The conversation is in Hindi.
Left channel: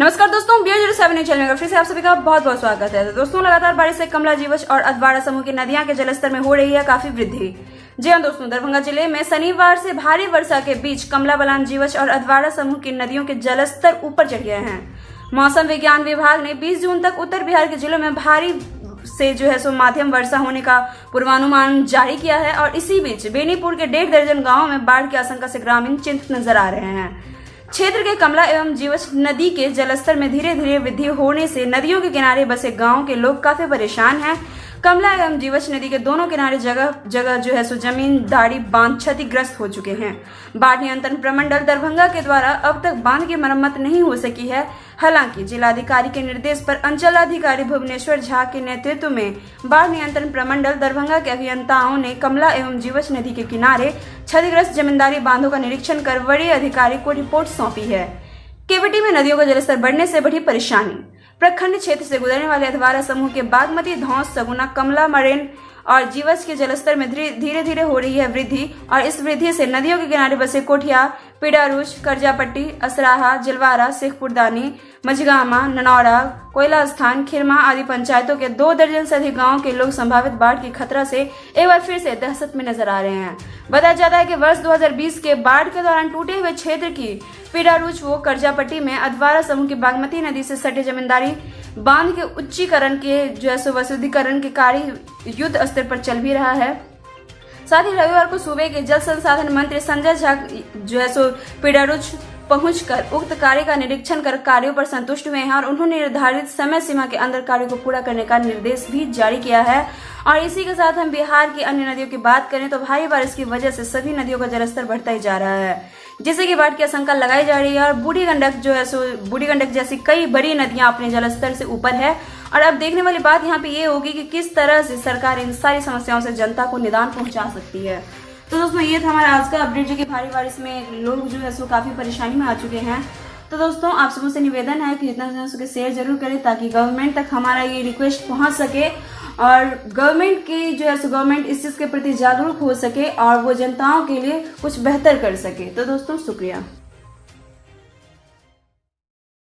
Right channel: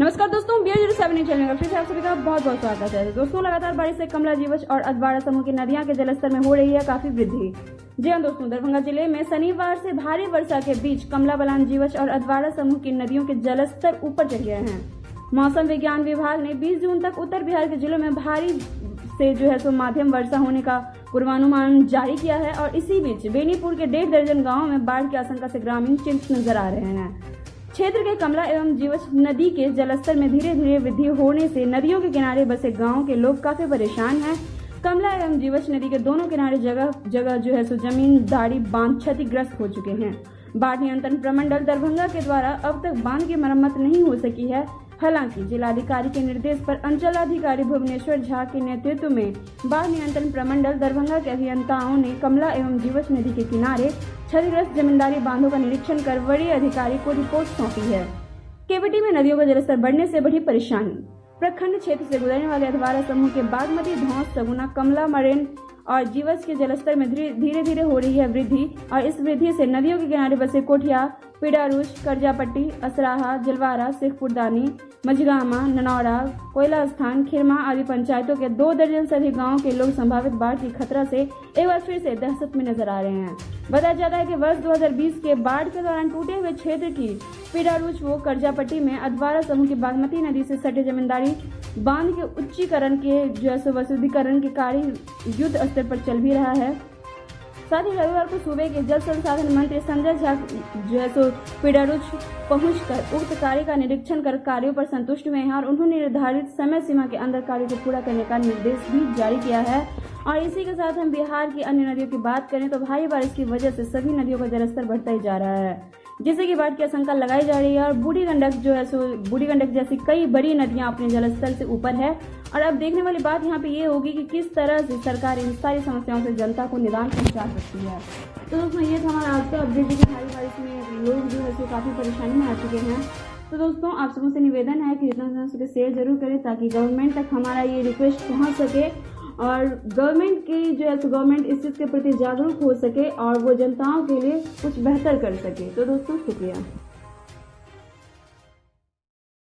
नमस्कार दोस्तों, BO07 चैनल में फिर से आप सभी का बहुत बहुत स्वागत है। तो दोस्तों, लगातार बारिश से कमला, जीवछ और अधवारा समूह की नदियां के जलस्तर में हो रही है काफी वृद्धि। जी हां दोस्तों, दरभंगा जिले में शनिवार से भारी वर्षा के बीच कमला बलान, जीवछ और अधवारा समूह की नदियों के जलस्तर ऊपर चढ़ गए हैं। मौसम विज्ञान विभाग ने 20 जून तक उत्तर बिहार के जिलों में भारी से माध्यम वर्षा होने का पूर्वानुमान जारी किया है और इसी बीच बेनीपुर के 1.5 दर्जन गाँवों में बाढ़ की आशंका से ग्रामीण चिंतित नजर आ रहे हैं। क्षेत्र के कमला एवं जीवछ नदी के जलस्तर में धीरे धीरे वृद्धि होने से नदियों के किनारे बसे गांव के लोग काफी परेशान हैं। कमला एवं जीवछ नदी के दोनों किनारे जगह जगह जमींदारी बांध क्षतिग्रस्त हो चुके हैं। बाढ़ नियंत्रण प्रमंडल दरभंगा के द्वारा अब तक बांध की मरम्मत नहीं हो सकी है। हालांकि जिलाधिकारी के निर्देश पर अंचलाधिकारी भुवनेश्वर झा के नेतृत्व में बाढ़ नियंत्रण प्रमंडल दरभंगा के अभियंताओं ने कमला एवं जीवछ नदी के किनारे क्षतिग्रस्त जमींदारी बांधों का निरीक्षण कर वरीय अधिकारी को रिपोर्ट सौंपी है। केवटी में नदियों का जलस्तर बढ़ने से बढ़ी परेशानी। प्रखंड क्षेत्र से गुजरने वाले अधवारा समूह के बागमती, धौंस, सगुना, कमला, मरेन और जीवछ के जलस्तर में धीरे धीरे हो रही है वृद्धि और इस वृद्धि से नदियों के किनारे बसे कोठिया, पिडारूच, करजापट्टी, असराहा, जिलवारा, शेखपुरदानी, मझगामा, ननौरा, कोयला स्थान, खिरमा आदि पंचायतों के 2 दर्जन से अधिक गाँव के लोग संभावित बाढ़ की खतरा से एक बार फिर से दहशत में नजर आ रहे हैं। बताया जाता है कि वर्ष 2020 के बाढ़ के दौरान टूटे हुए क्षेत्र की पिडारूच व करजापट्टी में अधवारा समूह की बागमती नदी से सटे जमींदारी बांध के उच्चीकरण के वसुधीकरण के कार्य युद्ध स्तर पर चल भी रहा है। साथ ही रविवार को सूबे के जल संसाधन मंत्री संजय झा पिडारूच पहुंचकर उक्त कार्य का निरीक्षण कर कार्यों पर संतुष्ट हुए हैं और उन्होंने निर्धारित समय सीमा के अंदर कार्यों को पूरा करने का निर्देश भी जारी किया है। और इसी के साथ हम बिहार की अन्य नदियों की बात करें तो भारी बारिश की वजह से सभी नदियों का जलस्तर बढ़ता ही जा रहा है, जिससे कि बाढ़ की आशंका लगाई जा रही है। और बूढ़ी गंडक जैसी कई बड़ी नदियां अपने जलस्तर से ऊपर है। और अब देखने वाली बात यहाँ पे ये होगी कि किस तरह से सरकार इन सारी समस्याओं से जनता को निदान पहुंचा सकती है। तो दोस्तों, ये था हमारा आज का अपडेट, जो कि भारी बारिश में लोग काफी परेशानी में आ चुके हैं। तो दोस्तों, आप सबों से निवेदन है कि जितना हो सके शेयर जरूर करें ताकि गवर्नमेंट तक हमारा ये रिक्वेस्ट पहुंच सके और गवर्नमेंट इस चीज के प्रति जागरूक हो सके और वो जनताओं के लिए कुछ बेहतर कर सके। तो दोस्तों, शुक्रिया।